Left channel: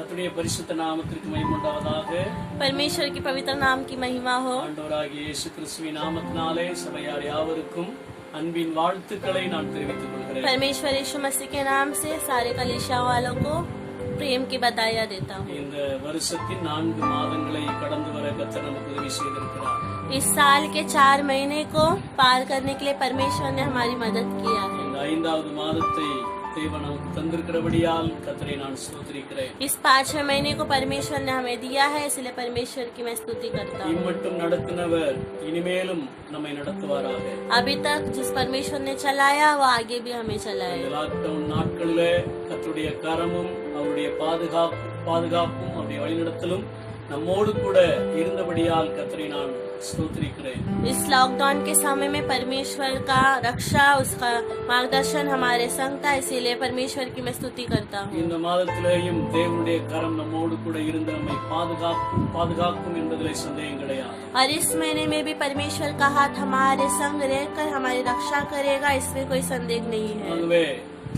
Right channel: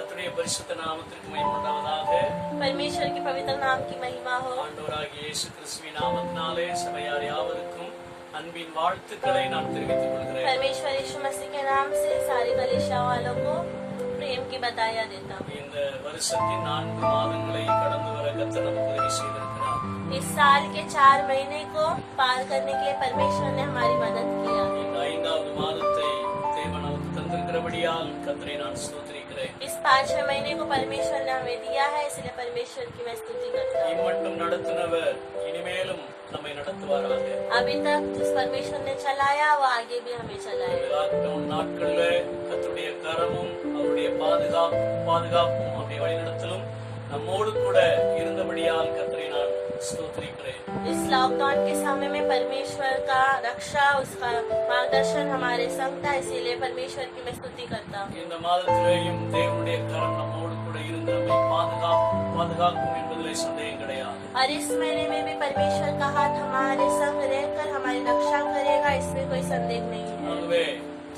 கர்த்தருடைய பரிசுத்த நாமத்திற்கு மகிமை உண்டாவதாக. परमेश्वर के पवित्र नाम की महिमा हो। ஆண்டவராகிய இயேசு கிறிஸ்துவின் நாமத்தினாலே சபையார் யாவருக்கும் அன்பின் வாழ்த்துக்களை நான் தெரிவித்துக் கொள்கிறேன். परमेश्वर यीशु मसीह के नाम से सारे कलीसिया वालों को प्रेम की बधाइयां देता हूँ। இந்த வருஷத்தின் 4 மாதங்களை கடந்து வர கர்த்தர் நமக்கு உதவி செய்திருக்கிறார். इस साल के 4 महीने को पार करने के लिए परमेश्वर ने हमारी मदद किया है। இந்த 5வது மாதத்தை தேவன் நமக்கு தந்திருக்கிறபடியால் கர்த்தரை நான் ஸ்தோத்திரிக்கிறேன். इस 5वें महीने को परमेश्वर ने हमें दिया है, इसलिए परमेश्वर की मैं स्तुति करता हूँ। இம்மட்டும் நடத்தினவர் இனிமேலும் நம்மை நடத்துவாராக. अभी तक जिस परमेश्वर ने चलाया वो आगे भी हमें चलाए। லாக்டவுன் நாட்கள்ல கர்த்தருடைய கரமும் அவருடைய பாதுகாப்பும் அவருடைய வழிநடத்தலும் நம்மோடு கூட இருந்தபடியால் கர்த்தரை நான் ஸ்தோத்திரிக்கிறேன். इस लॉकडाउन के समय में परमेश्वर का रक्षा, उसका मार्गदर्शन हमारे संग था, इसीलिए परमेश्वर की मैं स्तुति करता हूँ। இந்த மாதத்திலேயும் தேவனுடைய கரம் நம்மோடு கூட இருந்து நம்மை பாதுகாக்கும் என்பதிலே சந்தேகம் கிடையாது. और इस महीने में भी परमेश्वर का हाथ हमारे संग रहकर हमारी रक्षा करेगा, इसमें कोई संदेह नहीं है। ஆகவே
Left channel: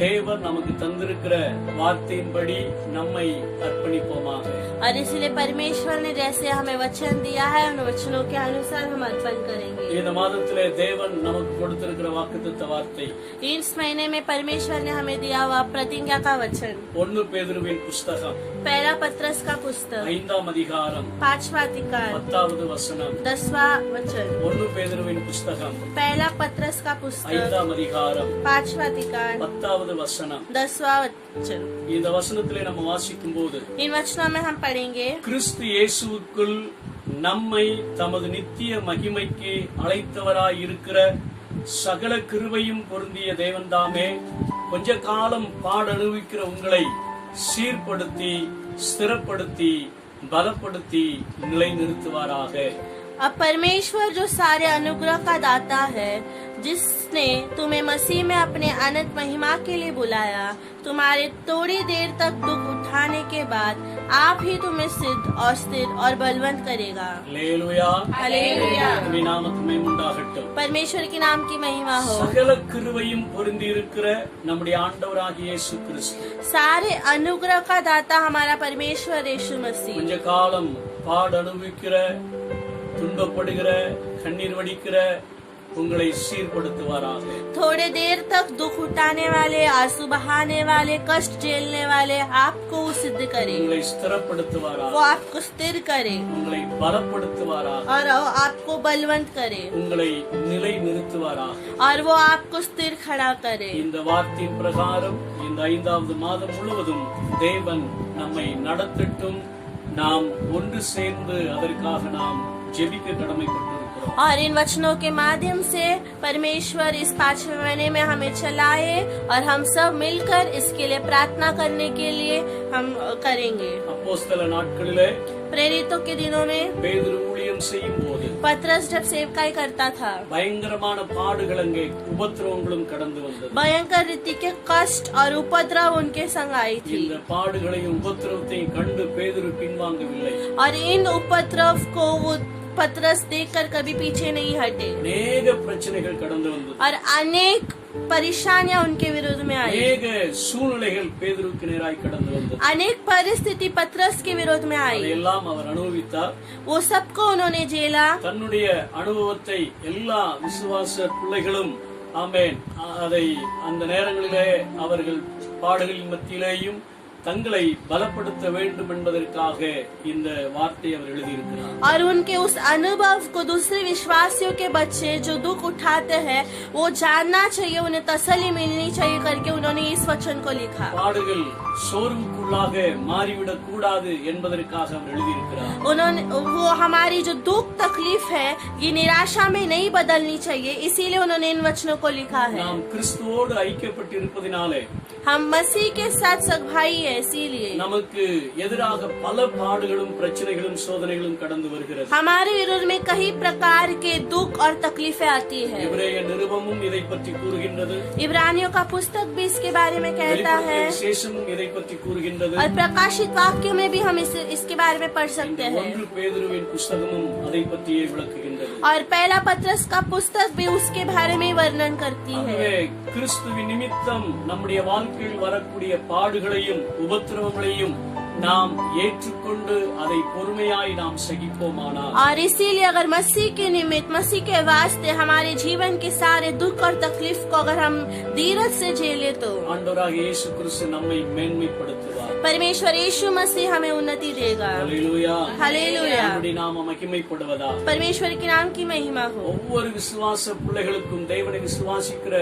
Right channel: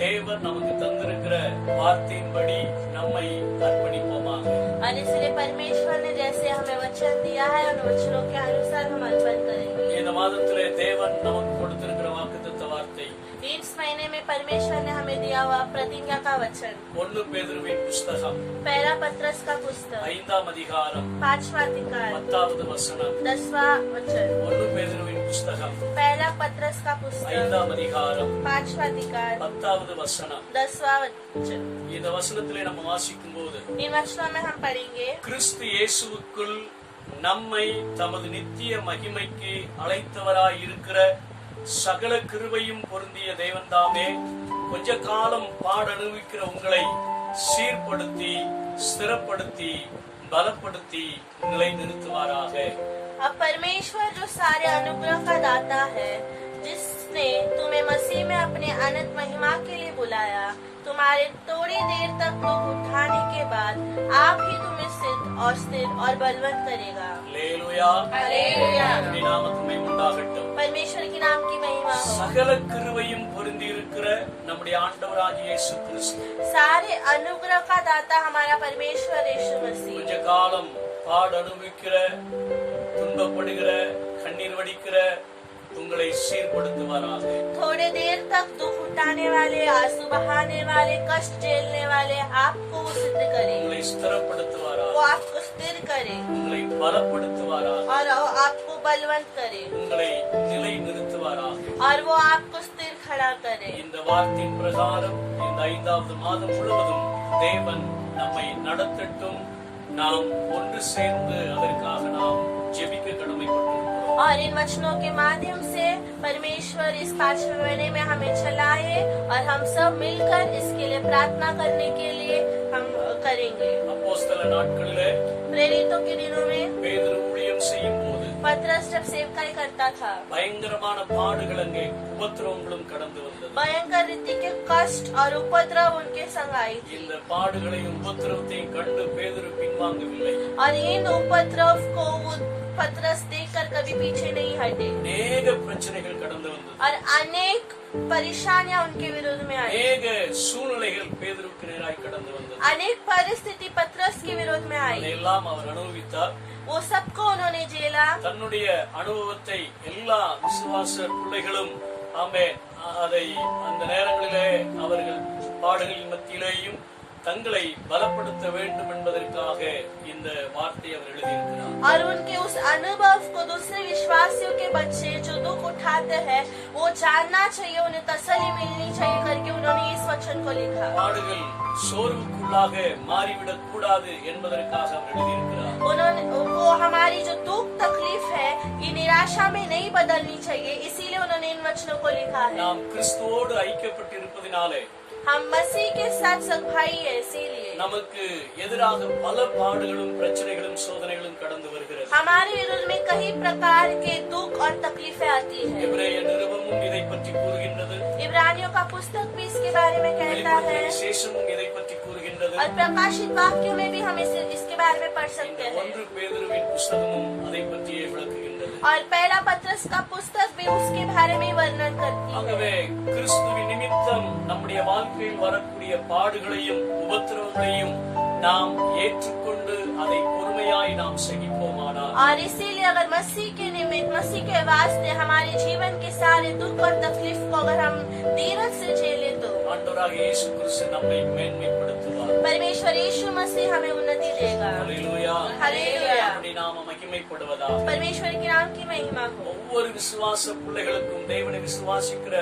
தேவன் நமக்கு தந்திருக்கிற வார்த்தையின்படி நம்மை அர்ப்பணிப்போமாக. और इसलिए परमेश्वर ने जैसे हमें वचन दिया है उन वचनों के अनुसार हम अर्पण करेंगे। இந்த மாதத்திலே தேவன் நமக்கு கொடுத்திருக்கிற வாக்குத்தத்த வார்த்தை इस महीने में परमेश्वर ने हमें दिया हुआ प्रतिज्ञा का वचन 1 பேதுருவின் புஸ்தகம் पहला पत्रस का पुस्तक 5ஆம் அதிகாரம் 5वां अधिकार 10வது வசனம். 10वां वचन 1 பேதுருவின் புஸ்தகம் पहला पत्रस का पुस्तक 5ஆம் அதிகாரம் 5वां अधिकार 10வது வசனம். 10वां वचन। இந்த வசனத்திலே நம்ம வாசிக்கும் போது इन वचनों में हम पढ़ेंगे, கிறிஸ்து இயேசுவுக்குள் நம்மை தமது நித்திய மகிமைக்கு அழைத்தவராய் இருக்கிற சகல கிருபையும் பொருந்திய தேவன்தாமே கொஞ்ச காலம் பாடனுவிக்கிற உங்களை சீர்படுத்தி ஸ்திரப்படுத்தி பலப்படுத்தி நிலைநிறுத்துவாராக. अब परमेश्वर जो सारे अनुग्रह का दाता है, जिसने तुम्हें मसीह में अपने अनंत महिमा के लिए बुलाया, तुम्हारे थोड़ी देर तक दुख उठाने के बाद आप ही तुम्हें सिद्ध और स्थिर और बलवंत करेगा। அல்லேலூயா. हालेलुया। கர்த்தருடைய நாமத்துக்கு உண்டாகட்டும். परमेश्वर के नाम की महिमा हो। சகல கிருபையும் பொருந்தி இருக்கிற நம்முடைய ஆண்டவராகிய இயேசு கிறிஸ்து सारे अनुग्रह का दाता हमारा परमेश्वर यीशु मसीह கொஞ்ச காலம் பாடனுவிக்கிற துன்பப்படுகிற கண்ணீர் வடிக்கிற உங்களை சீர்படுத்துவாராக. थोड़े देर तक दुख उठाने वाले, आंसू बहाने वाले, कष्ट झेलने वाले आपको सिद्ध करे, உங்களை ஸ்திரப்படுத்துவாராக. वो आपको स्थिर करे உங்களை பலப்படுத்துவாராக. और वो आपको बलवंत करे உங்களை நிலை நிறுத்துவாராக. और वो आपको स्थिर खड़ा करे। இந்த வார்த்தையின் பிரகாரம் இந்த 5வது மாதம் முழுவதும் தேவன் நம்மை நடத்தட்டும். நாம் ஒன்று சேர்ந்து அதற்காக நாம் ஜெபிக்க கடமைப்பட்டிருக்கிறோம். और इन वचनों के माध्यम से परमेश्वर इस 5वें महीने में हमें चलाए और हम सब मिलकर इसके लिए प्रार्थना करने के लिए हम करेंगे। அப்போஸ்தல நாட்களிலே प्रेरितों के दिनों में பேதுரு ஊழியம் செய்யும் போது पतरस जब सेवकाई करता था, பயங்கரமான பாடுகள் அங்கே உபத்திரவங்களும் கடந்து வந்தது. भयंकर रीति के कष्ट और उपद्रव उनके संग आई थी। இந்த பாடுகளையும் உபத்திரவத்தையும் கண்டு பேதுரு பின்வாங்கவில்லை. और इन उपद्रव को वो पतरस देखकर कभी पीछे नहीं हटे அநேக பிரச்சனைகள் கடந்து வந்தது. और अनेक परेशानियां उनके विरुद्ध में आई। அநேக சூழ்நிலைகள் பேதுருக்கு நேராய் கடந்து வந்தது. अनेक परिस्थिति पतरस के विरोध में आई। அதையெல்லாம் அவர் அனுபவித்தார். वो सबको उन्होंने झेला। தன்னுடைய அனுபவத்தை எல்லா விசுவாச பிள்ளைகளும் ஆமென் அதை அந்த நேரங்களிலே அவர்கள் பாடுகளின் மத்தியிலேயும் தங்களை பலப்படுத்த வேண்டும் என்பதற்காக இந்த வார்த்தையை அவர் எழுதியிருக்கிறார். और उनके उस अनुभव को दूसरे विश्वासियों के बच्चे जो दुख उठाते हैं वो जानना चाहिए, उन्हें तसल्ली मिलनी चाहिए करके उन्होंने इस वचन को लिखा। பாடுகள் சோர்வுக்குள்ளாக மாறிவிடக் கூடாது என்பதற்காக அவர் எழுதியிருக்கிறார். उन्होंने वो हमारी जो दुख तकलीफ है ये निराशा में नहीं बदलनी चाहिए, इसीलिए उन्होंने इन वचनों को लिखा है। நாம் கிறிஸ்துவோடு ஐக்கியப்பட்டிருப்பதினாலே हम मसीह के साथ सब भाई है, इसीलिए நமக்கு எதிராக பல பாடுகளும் பிரச்சனைகளும் சோதனைகளும் கடந்து வருகிறது. हमारे विरुद्ध में कई प्रकार के दुख और तकलीफें आती है। எபிரேய நிருபமும் இதை பற்றி கூறுகின்றது. इब्रानियों का पुस्तक भी इसके बारे में कहता வெளிப்படுத்தின है விசேஷமும் இதை பற்றி கூறுகின்றது. और प्रकाशित वाक्यों में भी हम इसके बारे में पढ़ सकते हैं। 1 பேதுருவின் புஸ்தகமும் அதை பற்றியே விளக்குகின்றது. और पहला पत्रस का पुस्तक भी उसके बारे में वर्णन करती है। ஆகவே கிறிஸ்துவின் நிமித்தம் நம்முடைய வாழ்க்கையில் வரக்கூடிய பாடுகளையும் உபத்திரவங்களையும் நாம் ஏற்றுக்கொண்டு அதை பொறுமையாய் நாம் சகிப்போமானால் और इसीलिए अगर मसीह के निमित्त, मसीह के वास्ते हमारे जीवन के सारे दुख और तकलीफ को अगर हम धीरज से झेले तो ஆண்டவராக இயேசு கிறிஸ்து நம்மை மேன்மைப்படுத்துவார். परमेश्वर यीशु मसीह हमें उन्नति देगा। ஹல்லேலூயா. हालेलुया। அவருடைய நாமம் மகிமைப்படுவதாக. परमेश्वर के नाम की महिमा हो। ஒவ்வொரு விசுவாச பிள்ளைகளுக்கும், தேவனை விசுவாசிக்கிற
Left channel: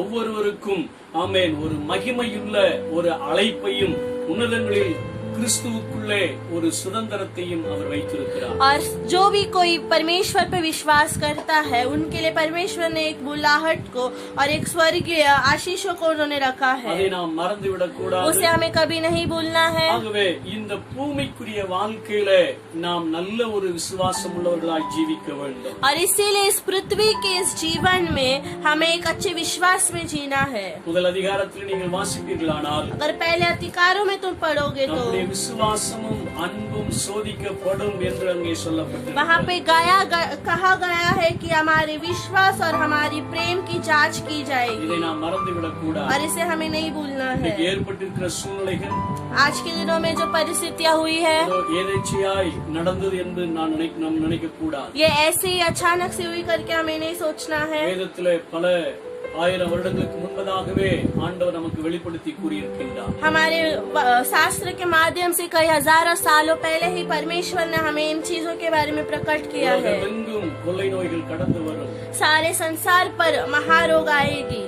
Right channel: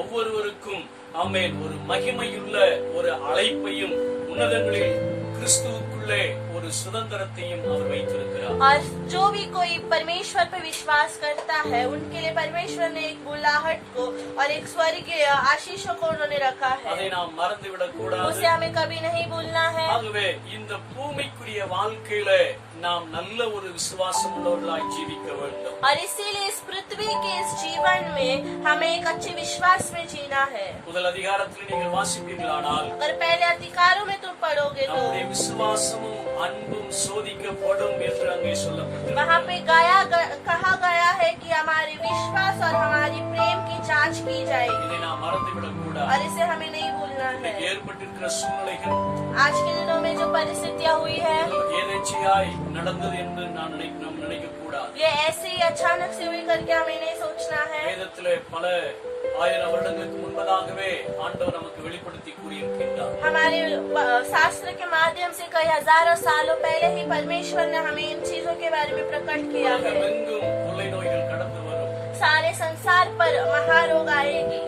ஒவ்வொருவருக்கும் ஆமென், ஒரு மகிமையுள்ள ஒரு அழைப்பையும் உன்னதங்களில் கிறிஸ்துவுக்குள்ளே ஒரு சுதந்திரத்தையும் அவர் வைத்திருக்கிறார். और जो भी कोई परमेश्वर पे विश्वास करता है उनके लिए परमेश्वर ने एक बुलाहट को और एक स्वर्गीय आशीषों को उन्होंने रखा है, அதை நாம் மறந்துவிடக் கூடாது. उसे हमें कभी नहीं भूलना है। ஆகவே இந்த பூமிக்குரிய வாழ்க்கையில நாம் நல்ல ஒரு விசுவாசம் உள்ளவர்களாய் ஜீவிக்க வேண்டும். और इसीलिए इस पृथ्वी के इस जीवन में हमें एक अच्छे विश्वास में जीना है। முதல் அதிகாரத்தில் நீங்கள் வாசிப்பீர்களானால் अगर पहले अधिकारों में तुम पढ़ोगे तो நம்முடைய விசுவாசமும் அன்பும் சோதிக்கப்படும் என்று அங்கே वहाँ சொல்லப்பட்டிருக்கிறது. पे कहा गया है कि हमारे विश्वास और हमारी प्रेम की जांच की जाएगी, இதை நாம் மறந்துவிடக் கூடாது. और इसे हमें नहीं भूलना இன்றைக்கு है। ஏற்பட்டிருக்கிற சூழ்நிலைகள் आज के दिनों में जो परिस्थितियाँ हुई है ஏதோ ஏதேச்சையாய் நடந்தது என்று நாம் நினைக்க கூடாது. ये ऐसे ही अचानक से हुई करके हमें नहीं सोचना है। வேதத்திலே பல ஆயிரம் வருடங்களுக்கு முன்பதாகவே ஆண்டவர் நமக்கு வெளிப்படுத்தி கூறியிருக்கின்றார். हमारे शास्त्र के माध्यम से कई हजारों सालों पहले ही परमेश्वर ने हमें इन चीजों के बारे में प्रकट किया है। உலகமெங்கும் கொள்ளை நோய்கள் கடந்து வரும், सारे संसार पर महारोग आएगी,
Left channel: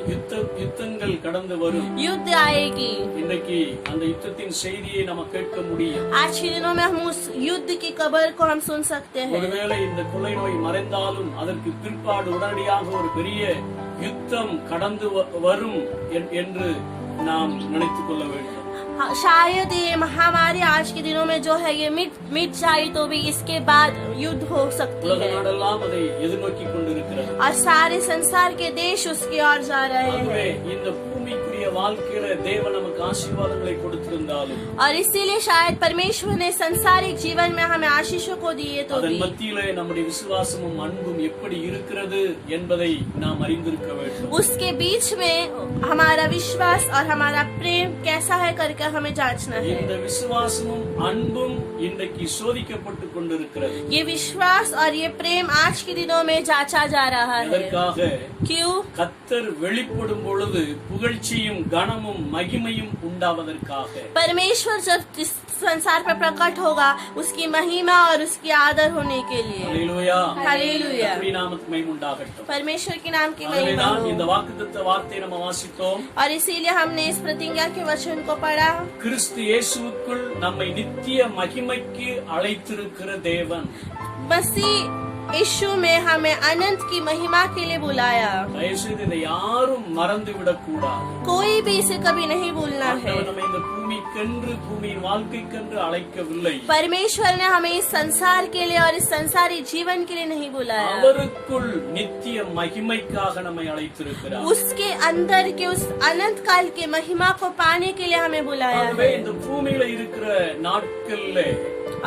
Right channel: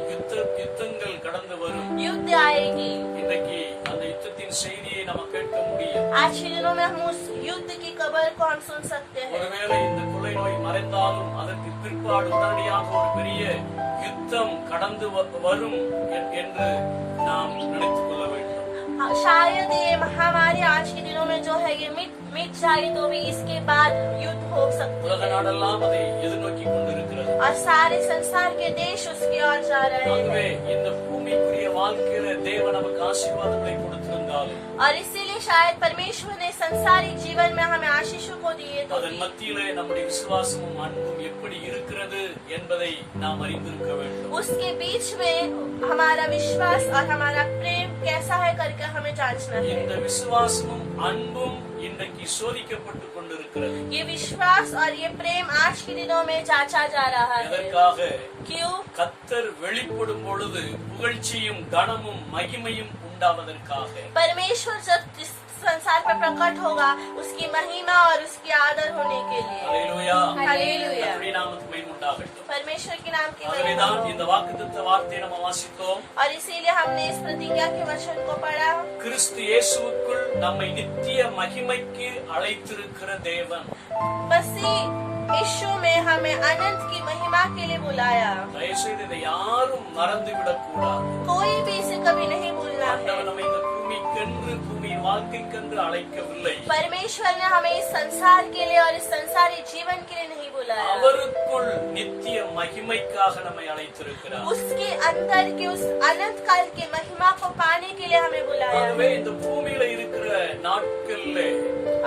யுத்தங்கள் கடந்து வரும். युद्ध आएगी। இன்றைக்கு அந்த யுத்தத்தின் செய்தியை நம்ம கேட்க முடியும். आज के दिनों में हम उस युद्ध की खबर को हम सुन सकते हैं। ஒருவேளை இந்த கொள்ளை நோய் மறைந்தாலும் அதற்கு பிற்பாடு உடனடியாக ஒரு பெரிய யுத்தம் கடந்து வரும் என்று நாம் நினைத்துக் கொள்ள வேண்டும். शायद ये महामारी आज के दिनों में जो है ये मिट जाए तो भी इसके बाद युद्ध हो सकती உலக है, நாடெல்லாம் அதை எதிர்நோக்கி கொண்டிருக்கிறது. और सारे संसार के देश उसकी ओर जा रहे ஆகவே हैं। இந்த பூமிக்குரிய வாழ்க்கையில தேவன் நமக்கு ஆசீர்வாதங்களை கொடுத்திருந்தாலும் और इसीलिए शायद परमेश्वर ने संसारिक जीवन में हमें आशीषों को दिए तो அதன் भी மத்தியிலே நம்முடைய விசுவாசமும் அன்பும் எப்படி இருக்கிறது என்பதை நாம் அறிந்திருக்க வேண்டும். उसके बीच में हमारा विश्वास और हमारा प्रेम कैसा है करके हमें जांचना है। இந்த விசுவாசமும் அன்பும் இன்றைக்கு சோதிக்கப்பட்டு கொண்டிருக்கிறது. ये विश्वास और ये प्रेम आज के दिनों में जांचा जा रहा है। எதற்காக? क्यों? கர்த்தர் வெளிப்படும் பொழுது புகழ்ச்சியும் கனமும் மகிமையும் உண்டாவதற்காக. परमेश्वर जब इस संसार पर प्रकट होगा उसकी महिमा और उसकी आदर होने के लिए। அல்லேலூயா. हालेलुया। கர்த்தருடைய நாமத்துக்கு மகிமை உண்டாகட்டும். परमेश्वर के नाम की महिमा அதனால்தான் हो। இந்த வாக்குத்தத்த வார்த்தையை நம்ம வாசித்தோம். और इसीलिए हमने इस प्रतिज्ञा के वचन को पढ़ा। கிறிஸ்து இயேசுவுக்குள் நம்மை நித்திய மகிமைக்கு அழைத்திருக்கிற தேவன். मसीह यीशु में हमें अनंत की महिमा के लिए बुलाया। தயவுசெய்து இதை யாரும் மறந்து விடக்கூடாது. कोई भी इसे कभी नहीं भूलना है। ஆண்டவர் நம்மை இந்த பூமிக்கென்று, பூமியின் வாழ்க்கைக்கென்று அழைக்கவில்லை. परमेश्वर ने हमें इस संसार के लिए और इस संसारी जीवन के लिए नहीं बुलाया, அவருக்குள் நித்திய மகிமைக்காக நம்மை அழைத்திருக்கிறார். उसके अंदर के उस अनंत काल के महिमा को पाने के लिए हमें बुलाया ஆகவே है। இந்த பூமியில இருக்கிற நாட்கள்ல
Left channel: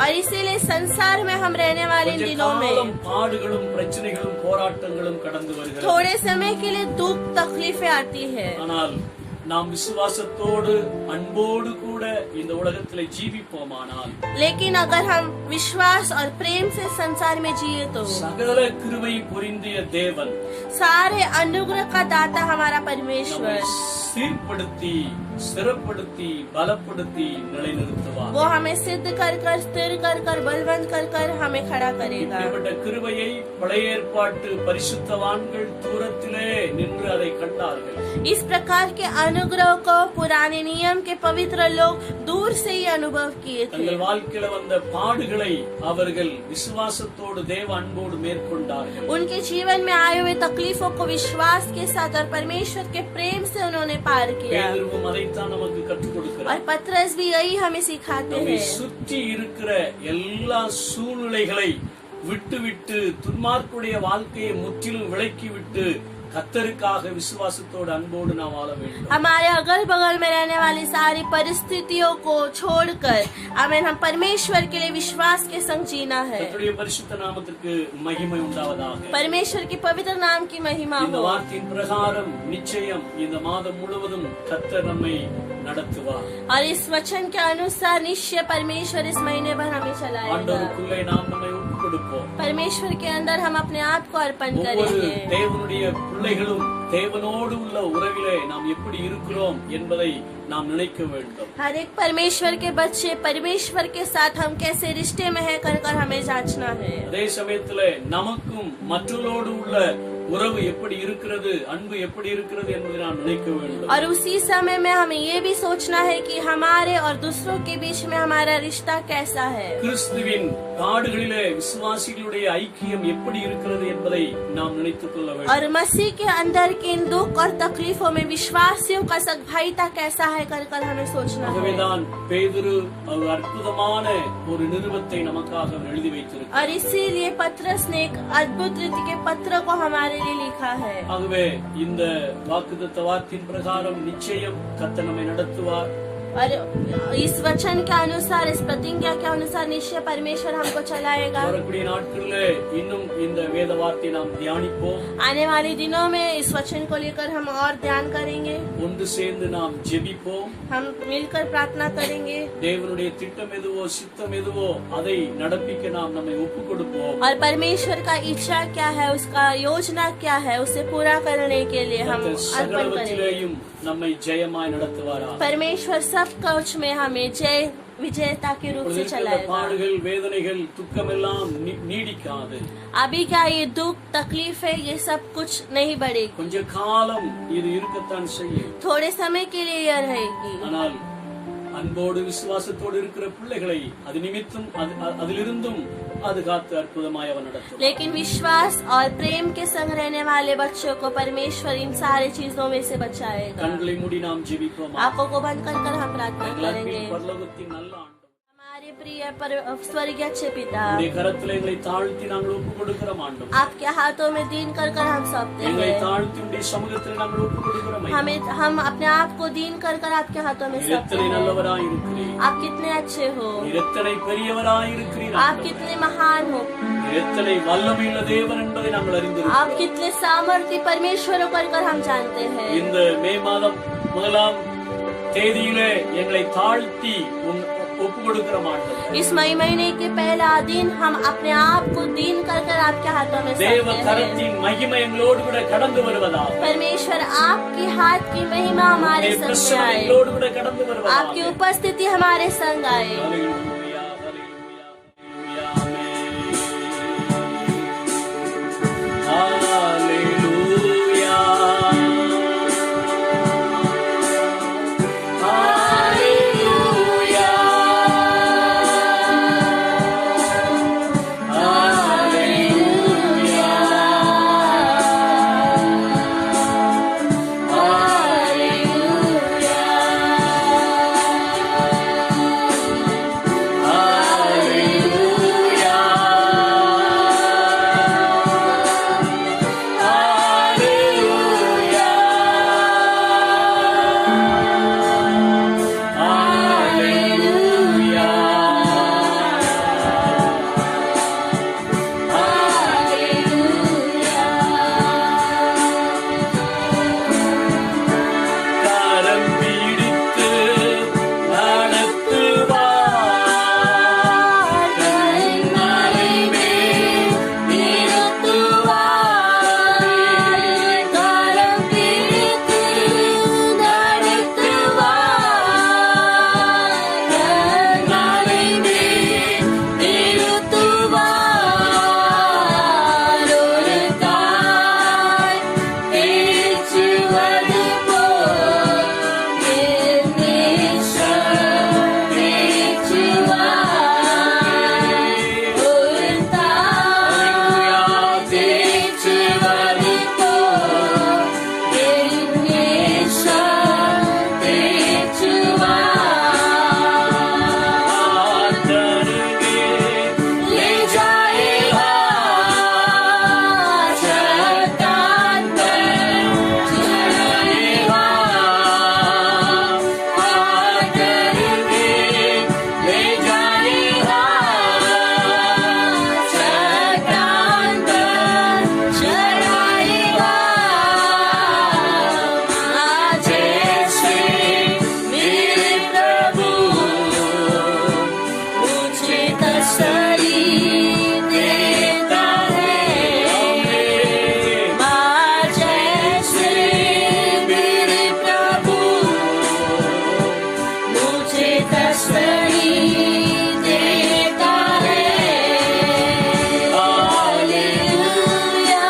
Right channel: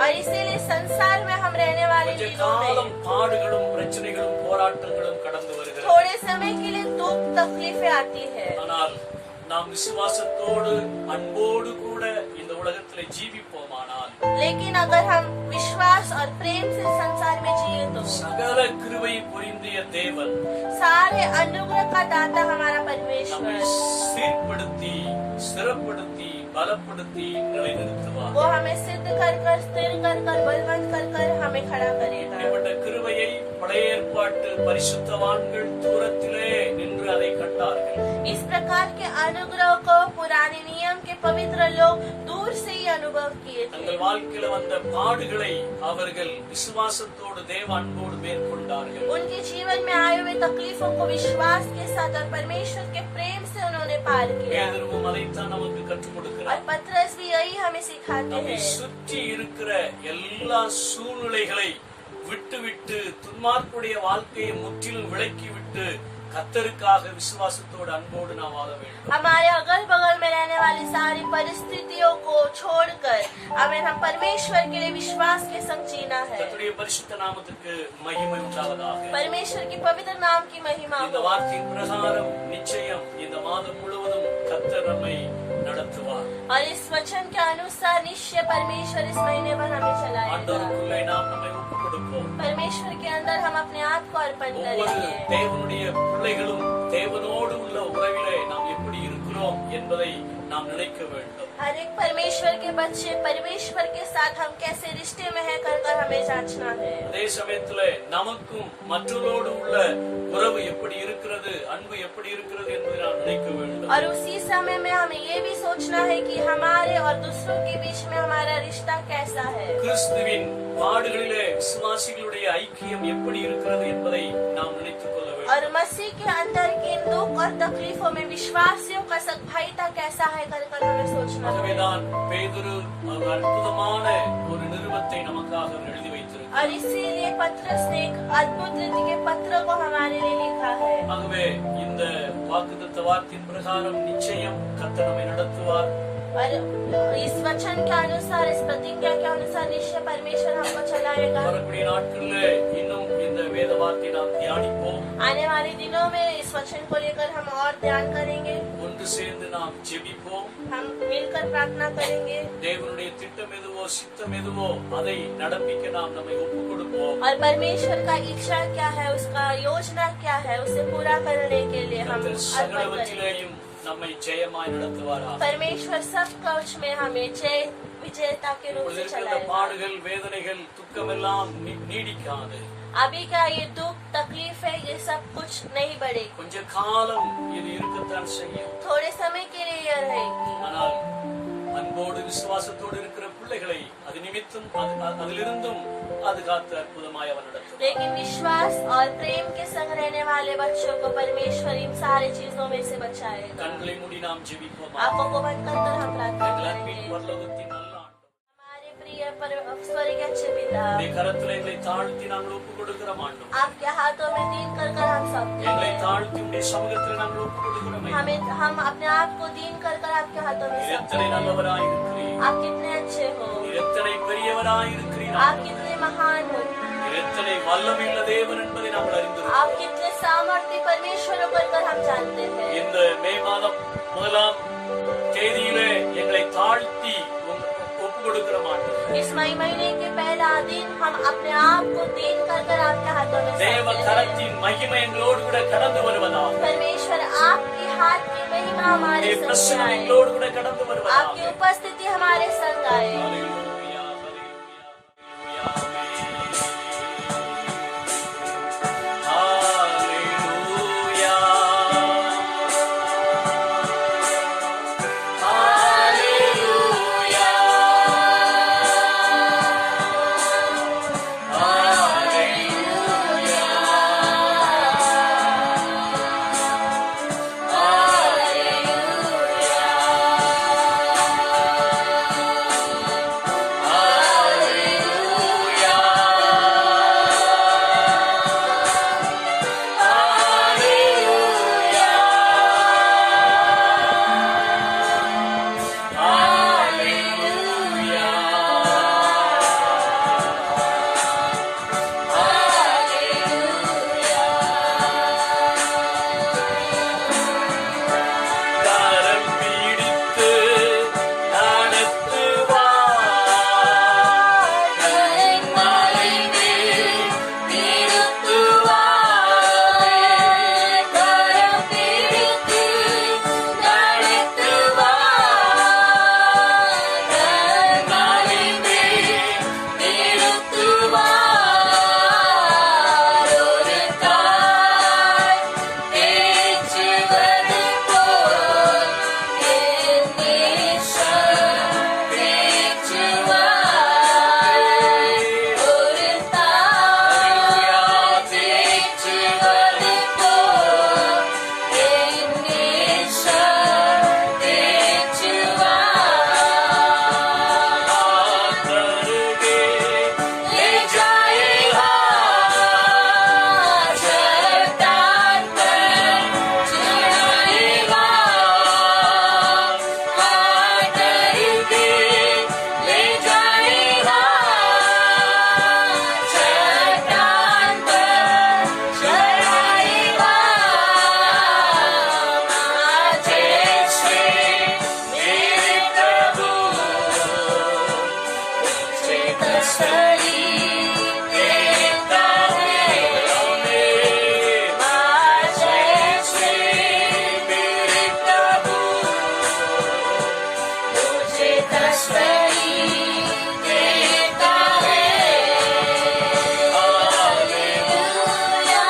और इसीलिए संसार में हम रहने वाले கொஞ்ச दिनों में காலம் பாடுகளும் பிரச்சனைகளும் போராட்டங்களும் கடந்து வருகிறது. थोड़े समय के लिए दुख तकलीफें आती है, ஆனால் நாம் விசுவாசத்தோடு அன்போடு கூட இந்த உலகத்திலே ஜீவிப்போமானால் लेकिन अगर हम विश्वास और प्रेम से संसार में जिए तो சகல கிருபை பொருந்திய தேவன் सारे अनुग्रह का दाता हमारा நம்மை परमेश्वर சீர்படுத்தி, ஸ்திரப்படுத்தி, பலப்படுத்தி நிலைநிறுத்துவார். वो हमें सिद्ध कर कर, स्थिर कर कर, बलवंत कर कर हमें खड़ा करेगा। இப்படிப்பட்ட கிருபையை பழைய ஏற்பாட்டு பரிசுத்தவான்கள் தூரத்திலே நின்று அதை கண்டார்கள். इस प्रकार के अनुग्रह को पुराने नियम के पवित्र लोग दूर से ही अनुभव किए थे। தங்கள் வாழ்க்கையில வந்த பாடுகளை அவர்கள் விசுவாசத்தோடு தேவ அன்போடு மேற்கொண்டார்கள். उनके जीवन में आए हुए तकलीफों को विश्वास के साथ और परमेश्वर के प्रेम से उन्होंने पार किया। பேதுருவும் அதைத்தான் நமக்கு கற்றுக் और கொடுக்கிறார். पतरस भी यही हमें सिखाते நம்மை हैं। சுற்றி இருக்கிற எல்லா சூழ்நிலைகளை விட்டுவிட்டு துன்மார்க்குடைய வாழ்க்கையை முற்றிலும் விலக்கிவிட்டு கர்த்தருக்காக விசுவாசத்தோடு அன்போடு நாம் வாழ வேண்டும். हमारे अगल बगल में रहने वाली सारी परिस्थितियों को छोड़कर हमें हम परमेश्वर के लिए विश्वास के संग जीना है। கர்த்தருடைய பரிசுத்த நாமத்துக்கு மகிமை உண்டாவதாக. परमेश्वर की पवित्र नाम की महिमा இந்த हो। வார்த்தையின் பிரகாரம் நிச்சயம் இந்த மாதம் முழுவதும் கர்த்தர் நம்மை நடத்துவார். और इस वचन के अनुसार निश्चय परमेश्वर इस महीने भर हमें चलाएगा। ஆண்டவருக்குள்ளே நாம் நம்மை ஒப்புக் கொடுப்போம். परमेश्वर के अंदर हम अपने आप को अर्पण ஒவ்வொரு करेंगे। தேவனுடைய பிள்ளைகளும் தேவனோடு உள்ள உறவிலே நாம் எப்படி இருக்கிறோம் என்பதை நாம் நினைக்க வேண்டும். हर एक परमेश्वर के बच्चे परमेश्वर के साथ हम कैसे रिश्ते में है कर हमें जांचना है। அதே சமயத்துல நமக்கும் மற்றவர்களோடு உள்ள உறவு எப்படி இருக்கிறது, அன்பு எப்படி இருக்கிறது என்பதை நாம் நினைக்க வேண்டும். और उसी समय में हमें ये भी सोचना है कि हमारे और दूसरों के बीच में हमारा रिश्ता कैसा है। கிறிஸ்துவின் பாடுகளிலே விசுவாசிகளுடைய ஐக்கியம் எப்படி இருக்கிறது என்பதை நாம் நினைத்துக் கொள்ள வேண்டும். और मसीह के अंदर के इन दुख और तकलीफों में विश्वासियों का सद्भावना कैसा है कर हमें सोचना है। ஆகவேதான் பேதுரு ஒரு அற்புதமான ஒரு நிருபத்தை நமக்காக அவர் எழுதி வைத்திருக்கிறார். और इसीलिए पत्रस ने एक अद्भुत रीति के पत्र को हमारे लिए लिखा है। ஆகவே இந்த வாக்குத்தத்த வாக்கின் பிரகாரம் நிச்சயம் கர்த்தர் நம்மை நடத்துவார். और इस वचन के अनुसार इस प्रतिज्ञा के अनुसार निश्चय परमेश्वर हमको चलाएगा। வரக்கூடிய நாட்களிலே இன்னும் இந்த வேத வார்த்தையை நாம் தியானிப்போம். आने वाले दिनों में इस वचन को लेकर हम और ध्यान करेंगे। ஒன்று சேர்ந்து நாம் ஜெபிப்போம். हम मिलकर प्रार्थना करेंगे। தேவனுடைய திட்டம் எதுவோ சித்தம் எதுவோ அதை நடப்பிக்க நாம் நம்மை ஒப்புக் கொடுப்போம். और परमेश्वर का इच्छा क्या है, उसका योजना क्या है, उसे पूरा करने के लिए हम கர்த்தர் अर्पण करेंगे। சகலவற்றிலேயும் நம்மை ஜெயமாய் நடத்துவாரா. परमेश्वर सब कुछ में हमें जय विजेता के रूप से இந்த चलाएगा। பாடுகள் வேதனைகள் துக்கம் எல்லாம் நீடிக்காது. अभी क्या ये दुख तकलीफ है, ये सब कुछ नहीं बढ़ेगी। கொஞ்ச காலம் இது இருக்கத்தான் செய்யும். थोड़े समय के लिए यह रहेगी। ஆனால் அன்போடு விசுவாசத்தோடு இருக்கிற பிள்ளைகளை அது நிமித்தம் அதிலிருந்தும் அது காத்து அற்புதமாய் அவன் நடத்தும். लेकिन विश्वास और प्रेम के संग रहने वाले बच्चों को परमेश्वर इन सारी चीजों में से बचाएगा। கண்களை மூடி நாம் ஜெபிப்போம். आंखों को बंद कर हम प्रार्थना எங்கள் करेंगे। அன்பின் பரலோகத்தின் நல்ல ஆண்டவரே, हमारे प्रिय स्वर्गीय अच्छे पिता, உம்முடைய கரத்திலே எங்களை தாழ்த்தி நாங்கள் ஒப்புக் கொடுக்கிறோம் ஆண்டவரே. आपके हाथों में दीन कर हम सौंपते எங்களை हैं। தாழ்த்தி உம்முடைய சமூகத்தில் நாங்கள் ஒப்புக் கொடுக்கிறோம் ஐயா. हम अपने आप को दीन कर आपके हाथों में நீர் सौंपते எத்தனை हैं। நல்லவராய் இருக்கிறீர். आप कितने अच्छे हो, நீர் எத்தனை பெரியவராய் இருக்கிறீர் आप ஆண்டவரே. कितने महान हो, நீர் எத்தனை வல்லமையுள்ள தேவன் என்பதை நாங்கள் அறிந்திருக்கிறோம். आप कितने सामर्थ्य परमेश्वर हो कर हम जानते हैं। இந்த மே மாதம் 1ஆம் தேதியிலே எங்களை தாழ்த்தி ஒப்புக் கொடுக்கிறோம் ஆண்டவரே. इस मई महीने के पहला दिन हम अपने आप को दीन कर आपके हाथों में தேவ सौंपते हैं। கரத்தின் மகிமை எங்களோடு கூட கடந்து வருவதாக. परमेश्वर आपकी हाथ की महिमा हमारे உம்முடைய संग பிரசன்னம் आए, எங்களோடு கூட கடந்து வருவதாக. आपकी उपस्थिति हमारे संग आए। ஹல்லேலூயா, ஹல்லேலூயா, ஹல்லேலூயா. ஹல்லேலூயா. ஹல்லேலூயா. ஹல்லேலூயா. तसली देता है। हालेलुया,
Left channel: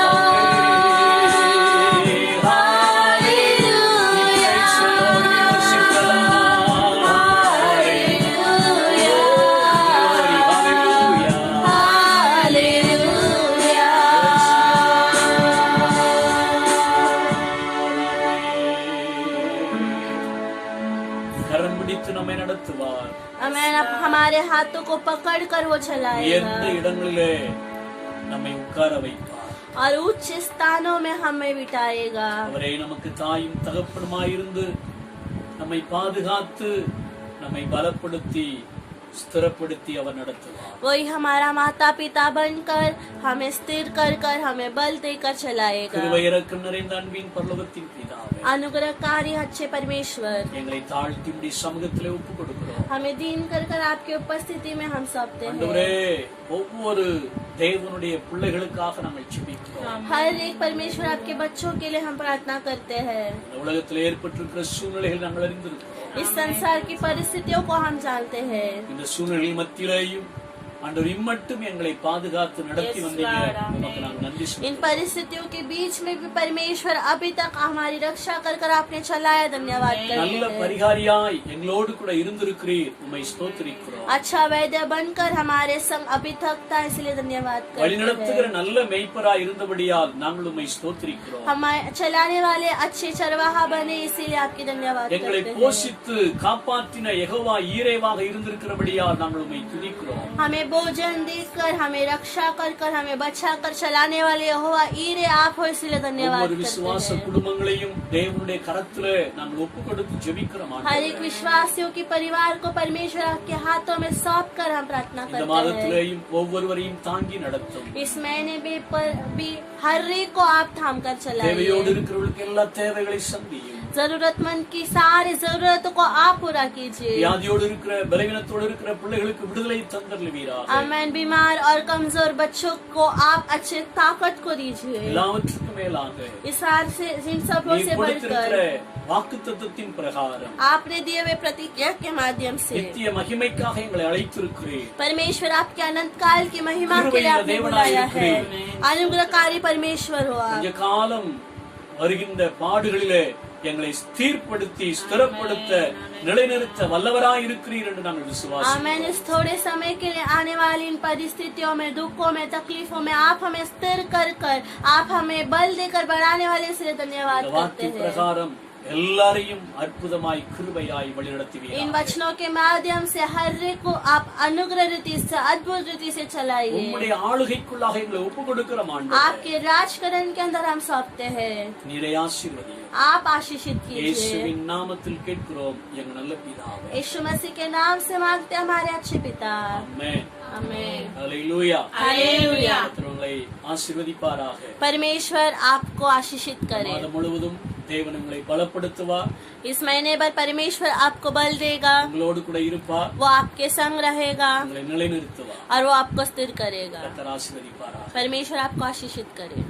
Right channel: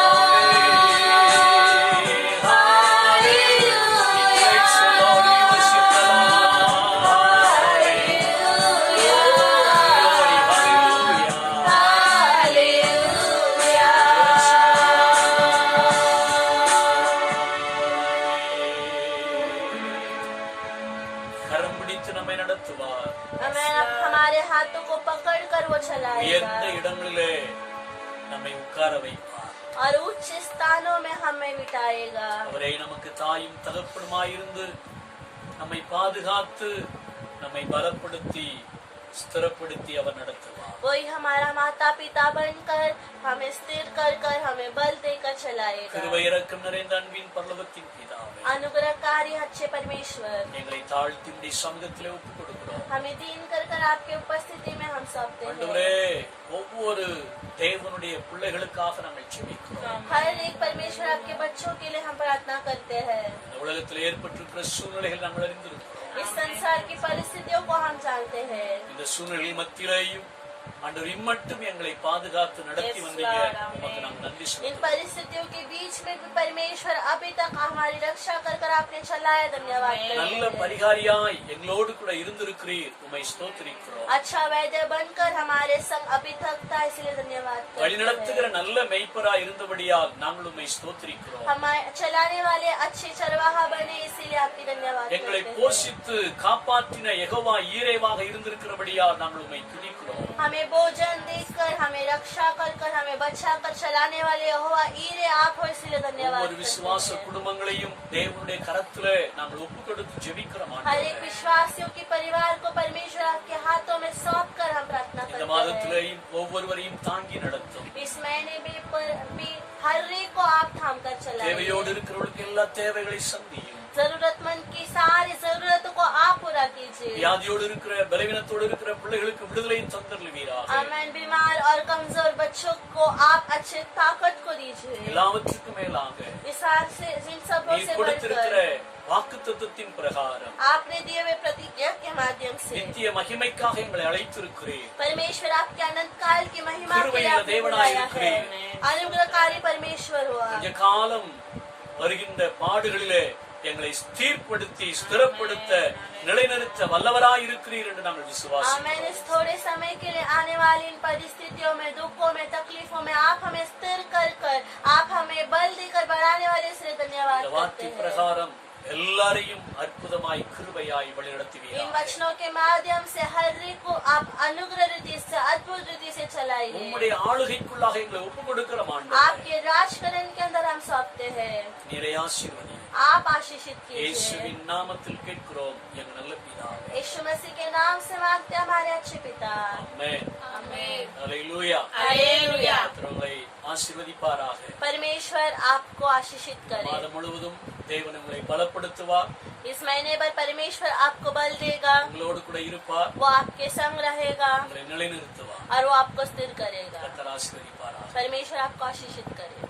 கரம் பிடித்து நம்மை நடத்துவார். आमेन। अब हमारे हाथों को पकड़कर वो உயர்ந்த चलाएगा இடங்களிலே நம்மை உட்கார வைப்பார். और उच्च स्थानों में हमें बिठाएगा। அவரே நமக்கு தாயும் தகப்பனுமாயிருந்து நம்மை பாதுகாத்து நம்மை பலப்படுத்தி ஸ்திரப்படுத்தி அவர் நடத்துவார். वही हमारा माता पिता बनकर हमें स्थिर कर कर हमें बल देकर चलाएगा। கிருபை இரக்கம் நிறைந்த அன்பின் பரலோகத்தின் பிதாவே, अनुग्रहकारी अच्छे परमेश्वर, எங்களை தாழ்த்தி உம்முடைய சமூகத்திலே ஒப்புக் கொடுக்கிறோம். हमें दीन कर कर आपके उपस्थिति में हम सौंपते हैं। ஆண்டவரே, ஒவ்வொரு தேவனுடைய பிள்ளைகளுக்காக நாங்கள் ஜெபிக்கிறோம். हर एक परमेश्वर आपके बच्चों के लिए हम प्रार्थना करते हैं। இந்த உலகத்தில் ஏற்பட்டிருக்கிற சூழ்நிலைகள் நாங்கள் அறிந்திருக்கிறோம். इस संसार की परिस्थितियों को हम जानते हैं। இந்த சூழ்நிலை மத்தியிலேயும் ஆண்டவர் இம்மட்டும் எங்களை பாதுகாத்து நடத்தி வந்தீங்க. உமக்கு நாங்கள் நன்றி इन சொல்கிறோம். परिस्थितियों के बीच में भी परमेश्वर अभी तक हमारी रक्षा कर कर आपने चलाया, धन्यवाद நல்ல करते हैं। பரிகாரியாய் எங்களோடு கூட இருந்திருக்கிறீர். உம்மை ஸ்தோத்திரிக்கிறோம். अच्छा वैद्य बनकर हमारे संग अभी तक था, इसलिए धन्यवाद करते வழிநடத்துகிற हैं। நல்ல மெய்ப்பராய் இருந்தபடியால் நாங்கள் உம்மை ஸ்தோத்திரிக்கிறோம். हमारे चलाने वाले अच्छे चरवाहा बने, इसीलिए आपकी धन्यवाद எங்களை करते हैं। போஷித்து காப்பாற்றின யெகோவா ஈரேவாக இருந்திருக்கிறபடியால் நாங்கள் உம்மை துதிக்கிறோம். हमें भोजन देकर हमें रक्षा कर कर हमें बचा कर चलाने वाले यहोवा ईरे आप हो, इसलिए धन्यवाद ஒவ்வொரு करते விசுவாச हैं। குடும்பங்களையும் தேவனுடைய கரத்திலே நாங்கள் ஒப்பு கொடுத்து ஜெபிக்கிறோம். हर एक ஆண்டவரே, विश्वासियों की परिवार को परमेश्वर आपके हाथों में सौंप कर हम प्रार्थना இந்த करते हैं। மாதத்திலேயும் ஒவ்வொருவரையும் தாங்கி நடத்தும். इस महीने में भी हर एक को आप थाम कर தேவையோடு चलाइए। இருக்கிறவர்களுக்கு எல்லா தேவைகளை சந்தியும். जरूरतमंद की सारी जरूरतों को आप पूरा कीजिए। வியாதியோடு இருக்கிற பலவீனத்தோடு இருக்கிற பிள்ளைகளுக்கு விடுதலை தந்தருளுவீராக. आमेन। बीमार और कमजोर बच्चों को आप अच्छे ताकत को दीजिए। எல்லாவற்றுக்கும் மேலாக इस हार से इन सबों நீ से கொடுத்திருக்கிற बढ़कर வாக்குத்தத்தத்தின் பிரகாரம் आपने दिए हुए प्रतिज्ञा के माध्यम से நித்திய மகிமைக்காக எங்களை அழைத்திருக்கிறீர். परमेश्वर आपके अनंत काल की महिमा के लिए கிருபையுள்ள आपने தேவனாய் बुलाया है। இருக்கிறீர். अनुग्रहकारी परमेश्वर हो आप। கொஞ்ச காலம் வருகின்ற பாடுகளிலே எங்களை ஸ்திரப்படுத்தி ஸ்திரப்படுத்த நிலைநிறுத்த வல்லவராய் இருக்கிறீர் என்று நாங்கள் விசுவாசிக்கிறோம். आमेन। इस थोड़े समय के लिए आने वाली इन परिस्थितियों में, दुखों में, तकलीफों में आप हमें स्थिर कर कर आप हमें बल देकर बढ़ाने वाले, इसलिए धन्यवाद இந்த करते வார்த்தை हैं। பிரகாரம் எல்லாரையும் அற்புதமாய் கிருபையாய் வழிநடத்துவீராக. इन वचनों के माध्यम से हर एक को आप अनुग्रह रीति से, अद्भुत रीति से चलाइए। உம்முடைய ஆளுகைக்குள்ளாக எங்களை ஒப்புக் கொடுக்கிறோம் ஆண்டவரே. आपके राजकरण के अंदर हम सौंपते हैं। நீரை ஆசீர்வதியும். आप आशीषित कीजिए। இயேசுவின் நாமத்தில் கேட்கிறோம் எங்கள் நல்ல பிதாவே. यीशु मसीह के नाम से मांगते हैं हमारे अच्छे पिता। ஆமென். आमेन। ஹல்லேலூயா. हालेलुया। கர்த்தர் உங்களை ஆசீர்வதிப்பாராக. परमेश्वर आपको आशीषित करे। மாதம் முழுவதும் தேவன் உங்களை பலப்படுத்துவார். इस महीने भर परमेश्वर आपको बल देगा, உங்களோடு கூட இருப்பார். वो आपके संग रहेगा உங்களை நிலைநிறுத்துவார். और वो आपको स्थिर करेगा। கர்த்தர் ஆசீர்வதிப்பாராக. परमेश्वर आपको आशीषित करे।